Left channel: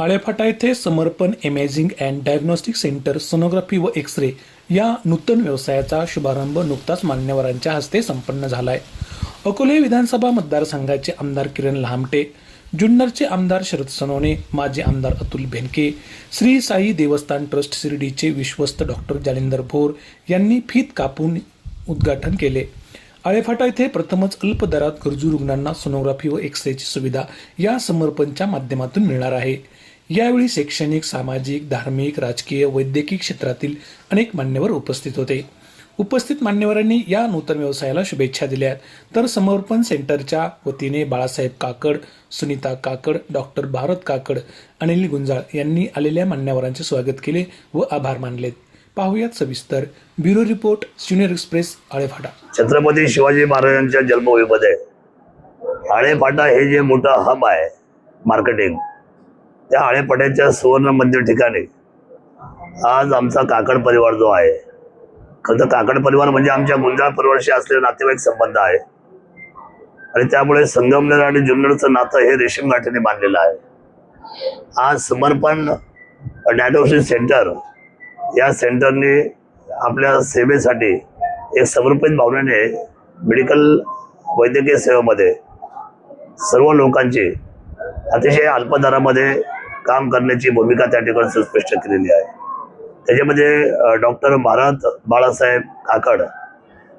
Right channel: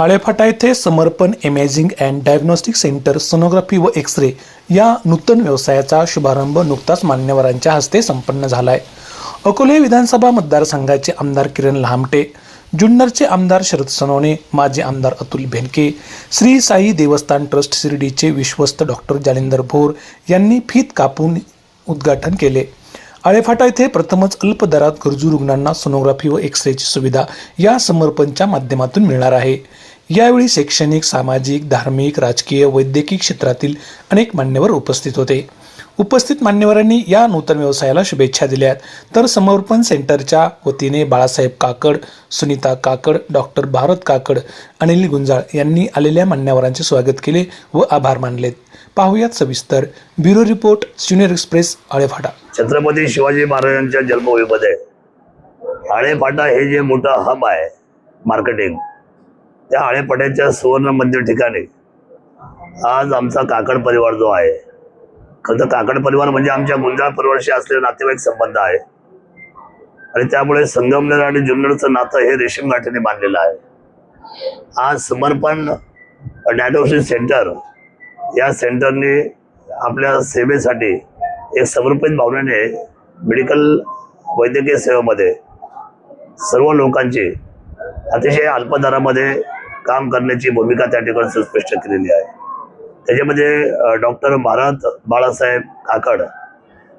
आळेफाटा येथे समर्पण imaging and diagnostic centre sonography व एक्स-रे या नूतन व्यवसायाचा शुभारंभ नुकताच मान्यवरांच्या हस्ते संपन्न झाला आहे. अकोले विधानसभा मतदारसंघाचे आमदार किरण लहामटे, जुन्नरचे आमदार शरद सोनवणे, माजी आमदार अतुल बेनके, श्री साई देवस्थान ट्रस्ट शिर्डीचे विश्वस्त डॉक्टर जालिंदर भोर यांनी फीत कापून उद्घाटन केले. आळेफाटा येथे प्रथमच अल्प दरात गरजू रुग्णांना सोनोग्राफी व एक्स-रेची सुविधा या समर्पणच्या माध्यमातून मिळणार आहे. यावेळी शैक्षणिक, सामाजिक, धार्मिक, राजकीय, वैद्यकीय क्षेत्रातील अनेक मान्यवर उपस्थित होते. उपस्थित मान्यवरांनी या नूतन व्यवसायाला शुभेच्छा दिल्या. तर समर्पण सेंटरच्या वतीने बाळासाहेब काकड, सुनीता काकड, डॉक्टर भारत काकड, अनिल गुंजाळ यांनी आलेल्या मान्यवरांचे स्वागत केले व आभार मानलेत. पाहुयात सविस्तर bureau report, junior express, Alephata. Chhatrapati Shivaji महाराजांच्या जन्मभूमीमध्ये आळेफाटा हे जे मोठं हब आहे मार्केटिंग, त्या आळेफाट्याच्या सुवर्ण मध्य ठिकाणी आज आमचा काकड परिवार जो आहे, खरं तर काकड परिवार म्हणजे आमच्या गुंजाळ परिवाराशी असलेले नातेवाईक संबंध आहे आणि त्यामुळे संगमनेर आणि जुन्नरचं नातं हे रेशीम गाठीने बांधलेलं आहे. आज समर्पण डायग्नोस्टिक सेंटर या सेंटरने आपल्या सेवेसाठी एक समर्पित भावनेने मेडिकल वैद्यकीय सेवेमध्ये सर्व लोकांची अतिशय अल्प दरामध्ये काम करण्याची भूमिका त्या ठिकाणी सुस्पष्ट केलेली आहे. त्याच्यामध्ये डॉक्टर भारत बाळासाहेब काकड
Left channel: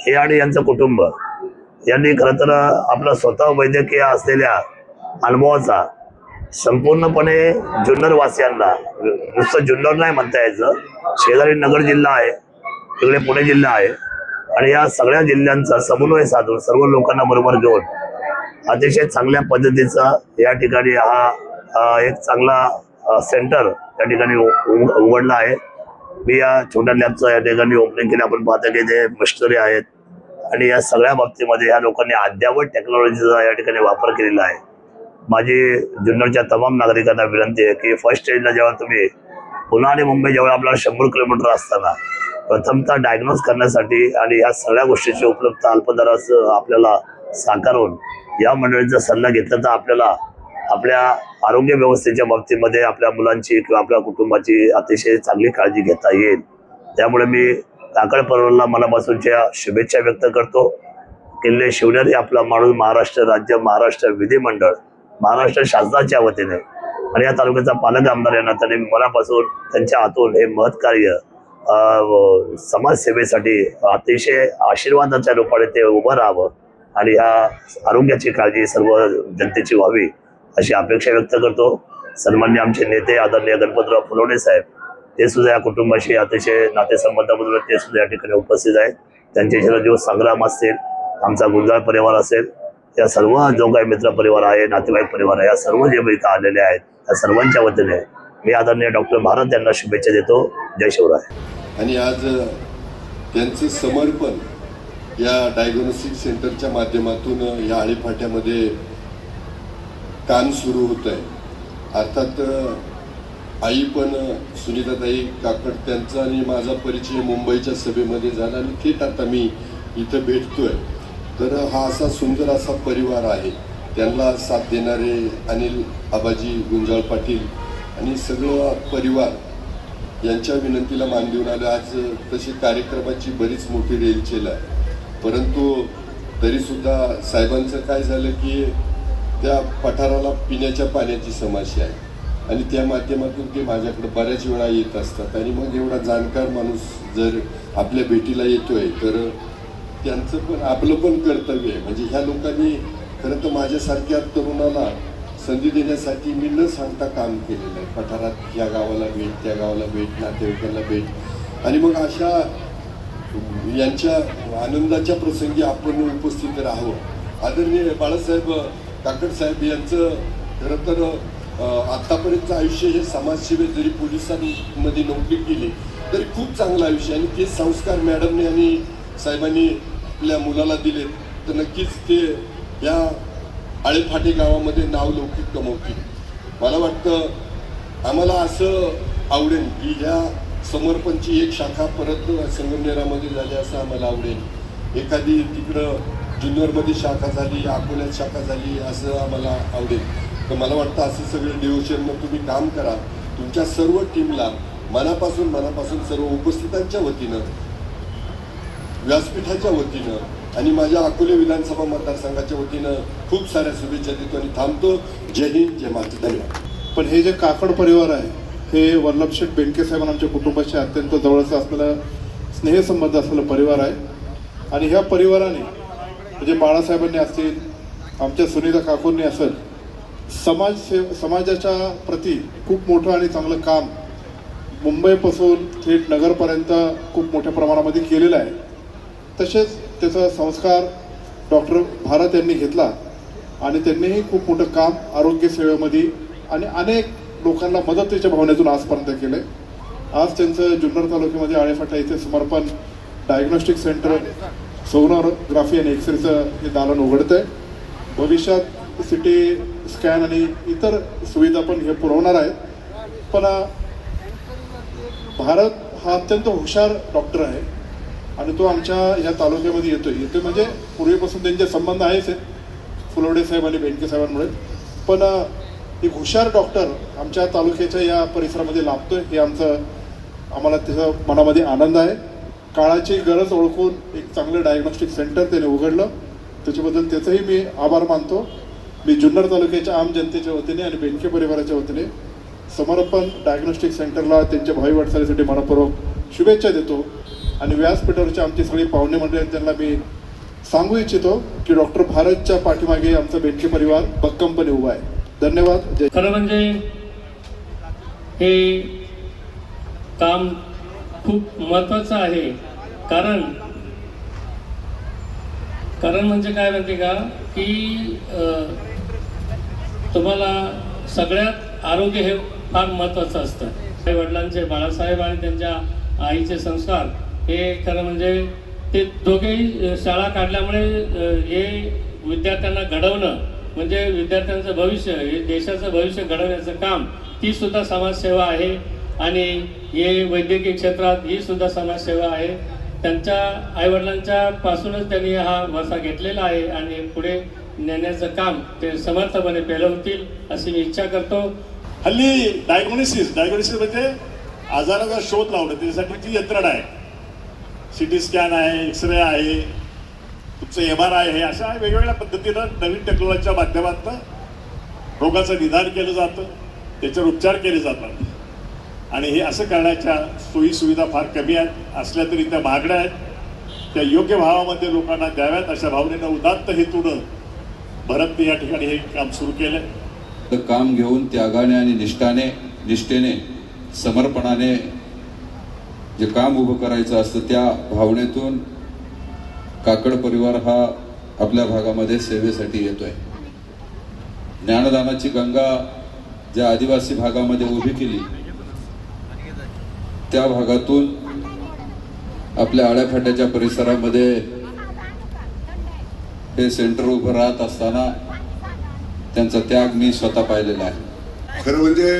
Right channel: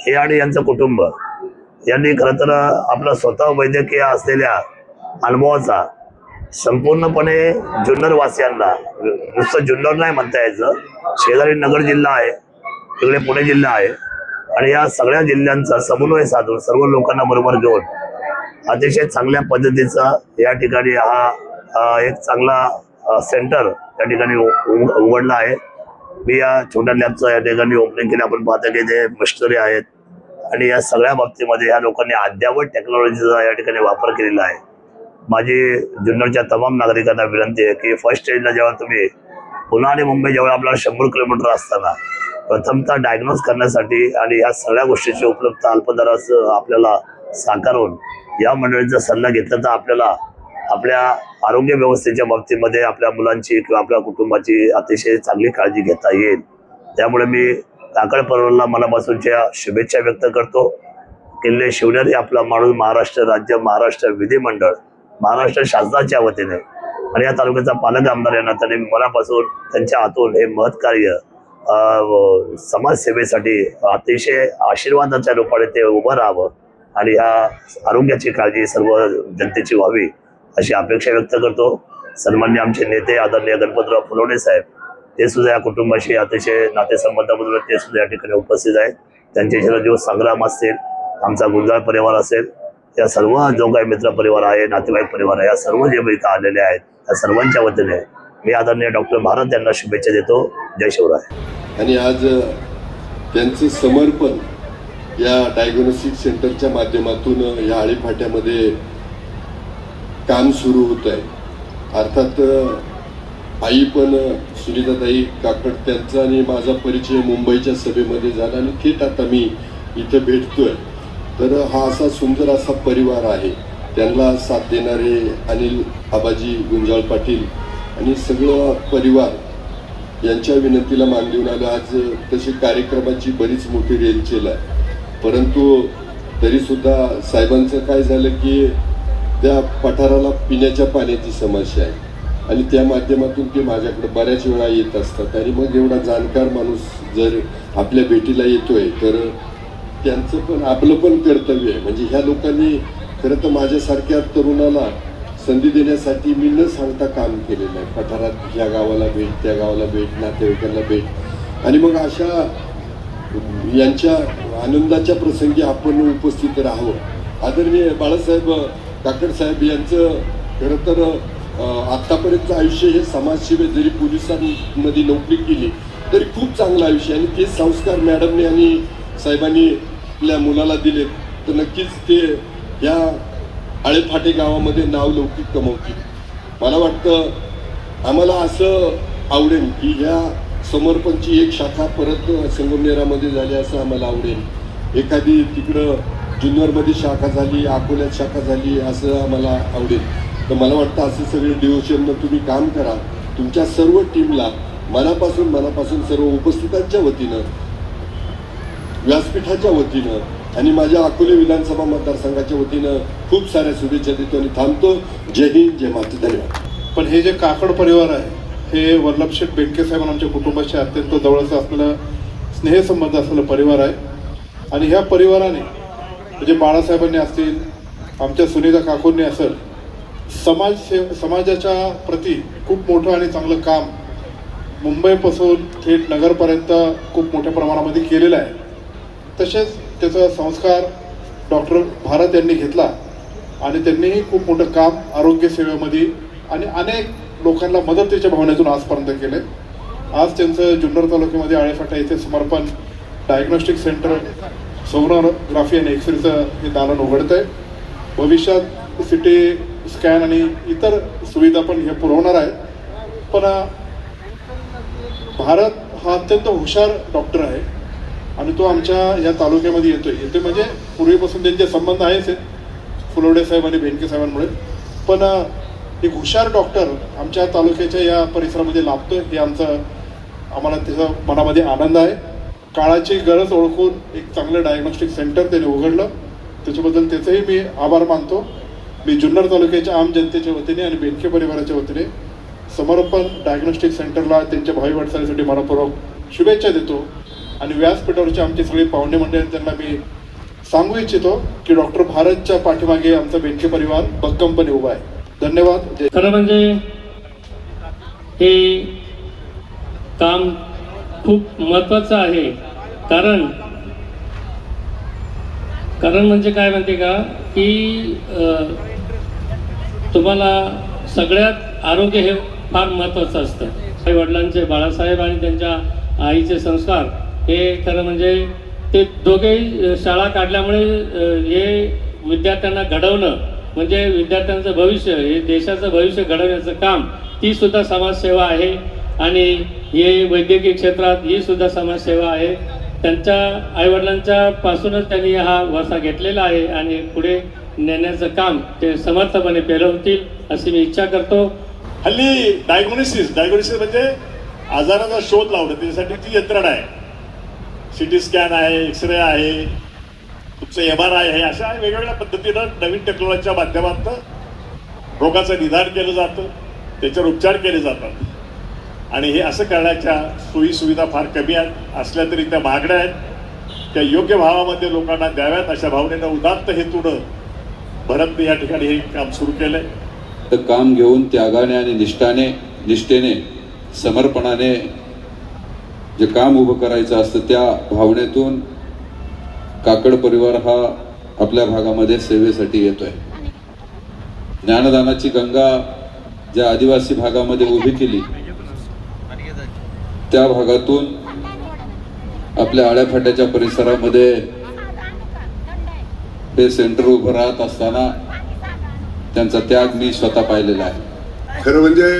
हे आणि यांचं कुटुंब यांनी खरं तर आपला स्वतः वैद्यकीय असलेल्या अनुभवाचा संपूर्णपणे जुन्नरवासियांना, नुसतं जुन्नर नाही म्हणता यायचं, शेजारी नगर जिल्हा आहे, तिकडे पुणे जिल्हा आहे आणि या सगळ्या जिल्ह्यांचा समन्वय साधून सर्व लोकांना बरोबर घेऊन अतिशय चांगल्या पद्धतीचा या ठिकाणी हा एक चांगला सेंटर त्या ठिकाणी उघडला आहे. मी या छोट्या लॅबचं या ठिकाणी ओपनिंग केलं. आपण पाहतो की ते मशिनरी आहेत आणि या सगळ्या बाबतीमध्ये या लोकांनी अद्ययावत टेक्नॉलॉजीचा या ठिकाणी वापर केलेला आहे. माझी जुन्नरच्या तमाम नागरिकांना विनंती आहे की फर्स्ट स्टेजला जेव्हा तुम्ही पुणे आणि मुंबई जेव्हा आपल्याला 100 किलोमीटर असताना प्रथमतः डायग्नोज करण्यासाठी आणि या सगळ्या गोष्टीची उपलब्धता अल्पदरास आपल्याला साकारून या मंडळीचा सल्ला घेतला तर आपल्याला आपल्या आरोग्य व्यवस्थेच्या बाबतीमध्ये आपल्या मुलांची किंवा आपल्या कुटुंबाची अतिशय चांगली काळजी घेता येईल. त्यामुळे मी काकड परिवाराला मनापासूनच्या शुभेच्छा व्यक्त करतो. किल्ले शिवनेरी आपला माणूस महाराष्ट्र राज्य, महाराष्ट्र विधिमंडळ, महाराष्ट्र शासनाच्या वतीने आणि या तालुक्याचा पालक आमदार यांना त्यांनी मनापासून त्यांच्या हातून हे महत्कार्य समाजसेवेसाठी अतिशय आशीर्वादाच्या रूपाने ते उभं राहावं आणि ह्या आरोग्याची काळजी सर्व जनतेची व्हावी अशी अपेक्षा व्यक्त करतो. सन्माननीय आमचे नेते आदरणीय गणपतराव फुलवणे साहेब, ते सुद्धा या कुटुंबाशी अतिशय नातेसंबंधाबद्दल ते सुद्धा या ठिकाणी उपस्थित आहेत. त्यांचे चिरंजीव संग्राम असतील, आमचा गुंजाळ परिवार असेल, या सर्व जो काही मित्र परिवार आहे, नातेवाईक परिवार आहे, या सर्व जे इथं आलेले आहेत त्या सर्वांच्या वतीने मी आदरणीय डॉक्टर भारत यांना शुभेच्छा देतो. जय शिवराय. आणि आज त्यांचं समर्पण या डायग्नोस्टिक सेंटरच्या माध्यमातून या आळेफाट्यामध्ये काम सुरू होत आहे. अर्थात आई पण सुनीताताई काकड त्यांचा आणि माझा परिचय मुंबईच्या सभेमध्ये झाला आणि थेट आता मी इथं भेटतोय. तर हा असा सुंदर असा परिवार आहे. त्यांना साथ देणारे अनिल आबाजी गुंजाळ पाटील आणि सगळं परिवार यांच्या विनंतीला मान देऊन आलं. आज तशी कार्यक्रमाची बरीच मोठी रेलचेल आहे, परंतु तरीसुद्धा साहेबांचं काय झालं की त्या पठाराला पिण्याच्या पाण्याची समस्या आहे आणि त्या माध्यमातून ते माझ्याकडे बऱ्याच वेळा येत असतात. आणि मग एवढा जाणकार माणूस जर आपल्या भेटीला येतोय तर त्यांचं पण आपलं पण कर्तव्य आहे. म्हणजे ह्या लोकांनी खरं तर माझ्यासारख्या तरुणाला संधी देण्यासाठी मी न सांगता काम केलेलं आहे. पठारात ह्या गावाला भेट, त्या गावाला भेट, नातेवाईकांना भेट आणि मग अशा यांच्या आनंदाच्या प्रसंगी आपण उपस्थित राहावं. आदरणीय बाळासाहेब काकड साहेब यांचं खरं तर आत्तापर्यंतचं आयुष्य हे समाजसेवेत, जरी पोलिसांमध्ये नोकरी केली तरी खूप चांगलं आयुष्य आणि ते संस्कार मॅडमने आणि साहेबांनी आपल्या मुलाला दिले तर नक्कीच ते या आळेफाटे गावामध्ये नाव लौकिक कमवतील. मला वाटतं आम्हाला असं आवडेल की ह्या समर्पणची एक शाखा परत संगमनेरामध्ये झाली असं आम्हाला आवडेल. एखादी तिकडं जुन्नरमध्ये शाखा झाली, अकोल्यात शाखा झाली असं आम्हाला आवडेल. तर मला वाटतं असं सगळं डिव्होशननं तुम्ही काम करा. तुमच्या सर्व टीमला मनापासून सर्व उपस्थितांच्या वतीनं, व्यासपीठाच्या वतीनं आणि माझ्या अकोले विधानसभा मतदारसंघाच्या वतीनं खूप साऱ्या शुभेच्छा देतो आणि थांबतो. जय हिंद, जय माता. धन्यवाद. पण हे जे काकड परिवार आहे हे वल्लभशेठ बेनके साहेब आमच्या कुटुंबाशी अत्यंत जवळचं असलेलं स्नेहसंबंध असलेलं परिवार आहे. आणि ह्या परिवाराने म्हणजे बाळासाहेबांनी असतील, आमच्या सुनीता काकूंनी असेल, समाजाच्या प्रती खूप मोठं आणि चांगलं काम मुंबईपासून थेट नगरपर्यंत खूप मोठ्या प्रमाणामध्ये केलेलं आहे. तसेच त्याचा संस्कार डॉक्टर भारत यांनी घेतला आणि त्यांनीही खूप मोठं काम आरोग्य सेवेमध्ये आणि अनेक लोकांना मदतीच्या भावनेतून आजपर्यंत केले. आज त्यांचं जुन्नर तालुक्यामध्ये आळेफाटा येथे समर्पण डायग्नोस्टिक सेंटर सोनोग्राफी आणि एक्सरेचं हे दालन उघडत आहे. भविष्यात सिटी स्कॅन आणि इतर सुविधा पण हे पुरवणार आहे. पण भारत हा अत्यंत हुशार डॉक्टर आहे आणि तो आमच्या या तालुक्यामध्ये येतोय म्हणजे पूर्वीपासून त्यांचे संबंध आहेच फुलवडे साहेब आणि बेनके साहेबांमुळे. पण एक हुशार डॉक्टर आमच्या तालुक्याच्या या परिसरामध्ये लाभतोय हे आम्हाला त्याचा मनामध्ये आनंद आहे. काळाची गरज ओळखून एक चांगलं डायग्नोस्टिक सेंटर त्याने उघडलं, त्याच्याबद्दल त्याचंही मी आभार मानतो. मी जुन्नर तालुक्याच्या आम जनतेच्या वतीने आणि बेनके परिवाराच्या वतीने समर्पण डायग्नोस्टिक सेंटरला त्यांच्या भावी वाटचालीसाठी मनपूर्वक शुभेच्छा देतो. आणि व्यासपीठावरचे आमचे सगळे पाहुणे मंडळी त्यांना मी सांगू इच्छितो की डॉक्टर भारतच्या पाठीमागे आमचा बेनके परिवार भक्कमपणे उभा आहे. धन्यवाद. खरं म्हणजे हे काम खूप महत्वाचं आहे. कारण म्हणजे काय म्हणते का की तुम्हाला सगळ्यात आरोग्य हे फार महत्वाचं असतं. आई वडिलांचे, बाळासाहेब आणि त्यांच्या आईचे संस्कार हे खरं म्हणजे ते दोघेही शाळा काढल्यामुळे हे विद्यार्थ्यांना घडवणं म्हणजे विद्यार्थ्यांचं भविष्य, हे देशाचं भविष्य घडवण्याचं काम ती सुद्धा समाजसेवा आहे. आणि हे वैद्यकीय क्षेत्रात ही सुद्धा समाजसेवा आहे. त्यांच्या आईवडिलांच्या पासूनच त्यांनी हा वारसा घेतलेला आहे आणि पुढे नेण्याचं काम ते समर्थपणे पेलवतील अशी मी इच्छा करतो. हल्ली डायग्नोसिस म्हणजे आजाराचा शोध लावणं, त्यासाठी ती यंत्रणा आहे. सिटी स्कॅन आहे, एक्सरे आहे, तुमचं MRI आहे, अशा वेगवेगळ्या पद्धतीनं नवीन टेक्नॉलॉजीच्या माध्यमातून रोगाचं निदान केलं जातं, त्याच्यावर उपचार केले जातात. आणि हे असं करण्याच्या सोयी सुविधा फार कमी आहेत, असल्या तरी त्या मागण्या आहेत, त्या योग्य भावामध्ये लोकांना द्याव्यात अशा भावनेनं उदात्त हेतूनं भरतने या ठिकाणी हे काम सुरू केलंय. काम घेऊन त्यागाने आणि निष्ठेने समर्पणाने जे काम उभं करायचं असतं त्या भावनेतून काकड परिवार हा आपल्या भागामध्ये सेवेसाठी येतोय. ज्ञानदानाची गंगा ज्या आदिवासी भागामध्ये उभी केली त्या भागातून आपल्या आळ्याफाट्याच्या परिसरामध्ये हे सेंटर उभं राहत असताना त्यांचा त्याग मी स्वतः पाहिलेला आहे. खरं म्हणजे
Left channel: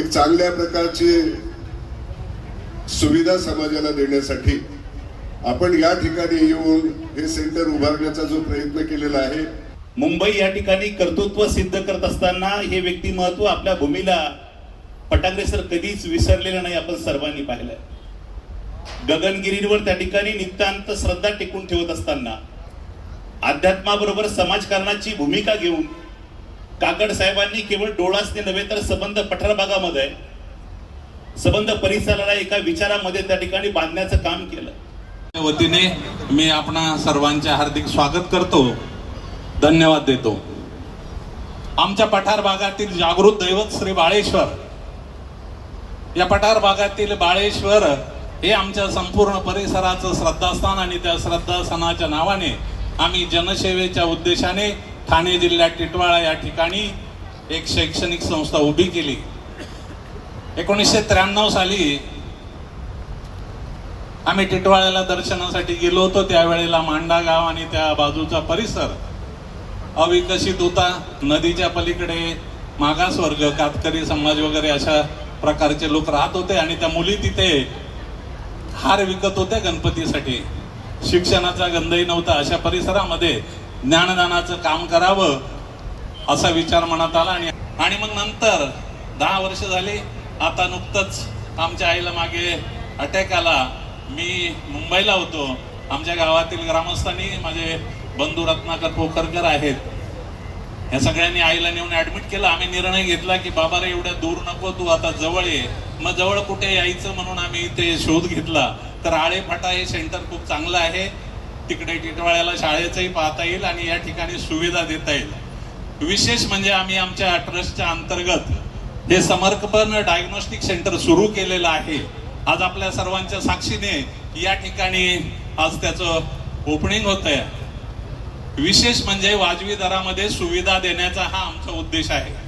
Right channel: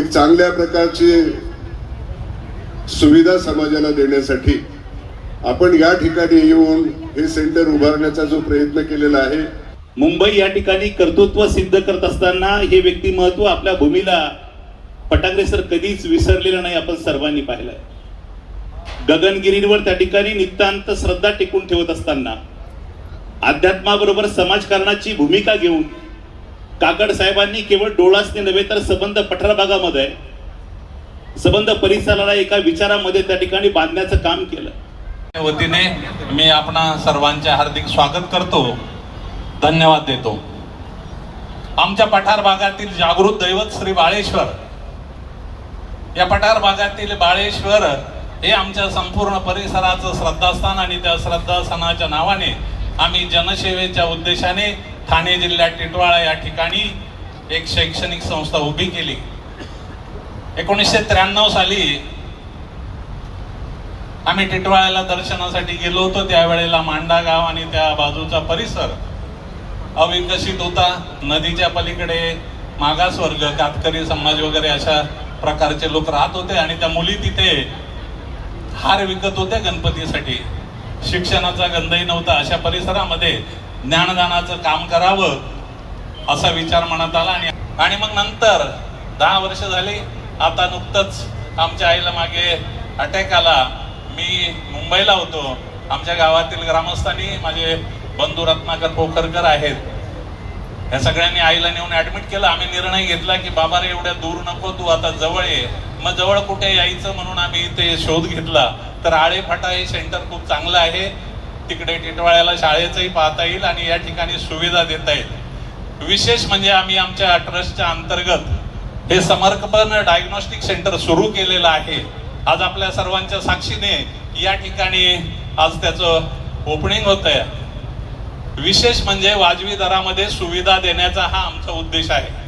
एक चांगल्या प्रकारची सुविधा समाजाला देण्यासाठी आपण या ठिकाणी येऊन हे सेंटर उभारण्याचा जो प्रयत्न केलेला आहे. मुंबई या ठिकाणी कर्तृत्व सिद्ध करत असताना हे व्यक्तिमत्व आपल्या भूमीला पटांगरे सर कधीच विसरलेलं नाही, आपण सर्वांनी पाहिलंय. गगनगिरीवर त्या ठिकाणी नितांत श्रद्धा टिकून ठेवत असताना अध्यात्माबरोबर समाजकारणाची भूमिका घेऊन काकड साहेबांनी केवळ डोळासने नव्हे तर सबंध पठार भागामध्ये सबंध परिसराला एका विचारामध्ये त्या ठिकाणी बांधण्याचं काम केलं. वतीने मी आपणा सर्वांचे हार्दिक स्वागत करतो, धन्यवाद देतो. आमच्या पठार भागातील जागृत दैवत श्री बाळेश्वर, या पठार भागातील बाळेश्वर हे आमच्या संपूर्ण परिसराचं श्रद्धास्थान आणि त्या श्रद्धास्थानाच्या नावाने आम्ही जनसेवेच्या उद्देशाने ठाणे जिल्ह्यात टिटवाळा या ठिकाणी एक शैक्षणिक संस्था उभी केली. 1993 साली आम्ही टिटवाळ्याला दर्शनासाठी गेलो होतो. त्यावेळेला मांडा गाव आणि त्या बाजूचा परिसर अविकसित होता. नदीच्या पलीकडे मागासवर्ग, कातकरी समाज वगैरे अशा प्रकारचे लोक राहत होते आणि त्या मुली तिथे हार विकत होते गणपतीसाठी. शिक्षणाचा गंधही नव्हता. अशा परिसरामध्ये ज्ञानदानाचं काम करावं असा विचार मनात आला आणि मग नंतर 10 वर्ष झाली. आता नुकतंच आमच्या आईला मागे अटॅक आला. मी मुंबईला होतो. आमच्या गावातील ग्रामस्थांनी, माझे बंधू रत्नाकर पोखरकर आहेत, या सगळ्यांनी आईला नेऊन ऍडमिट केलं. आम्ही निर्णय घेतला की बाबा रे एवढ्या दूर नको, तू आता जवळ ये. मग जवळ कुठे यायचं म्हणून आम्ही इथे शोध घेतला. तर आळेफाटा हे सेंटर खूप चांगलं आहे. तिकडे टिटवाळ्याला शाळेचंही पाहता येईल आणि या ठिकाणी सुविधा देता येईल. विशेष म्हणजे आम्ही आमच्या ट्रस्टच्या अंतर्गत हे समर्पण डायग्नोस्टिक सेंटर सुरू केलेलं आहे. आज आपल्या सर्वांच्या साक्षीने या ठिकाणी आज त्याचं ओपनिंग होत आहे. विशेष म्हणजे वाजवी दरामध्ये सुविधा देण्याचा हा आमचा उद्देश आहे.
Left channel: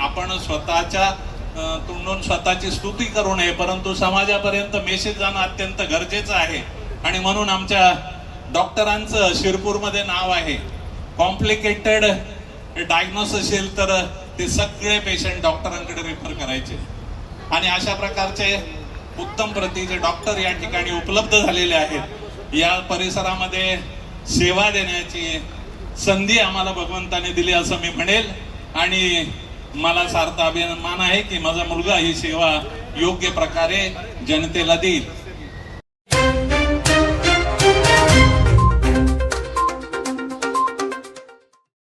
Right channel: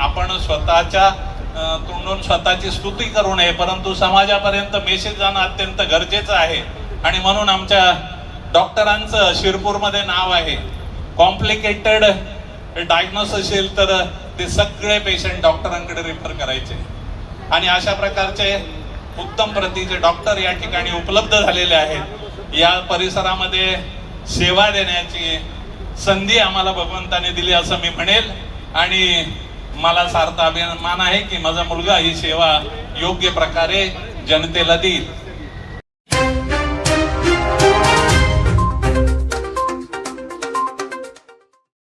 आपण स्वतःच्या तोंडून स्वतःची स्तुती करू नये, परंतु समाजापर्यंत मेसेज जाणं अत्यंत गरजेचं आहे. आणि म्हणून आमच्या डॉक्टरांचं शिरपूरमध्ये नाव आहे. कॉम्प्लिकेटेड डायग्नोसिस असेल तर ते सगळे पेशंट डॉक्टरांकडे रेफर करायचे आणि अशा प्रकारचे उत्तम प्रतीचे डॉक्टर या ठिकाणी उपलब्ध झालेले आहेत. या परिसरामध्ये सेवा देण्याची संधी आम्हाला भगवंताने दिली असं मी म्हणेल. आणि मला सार्थ अभिमान आहे की माझा मुलगा ही सेवा योग्य प्रकारे जनतेला देईल.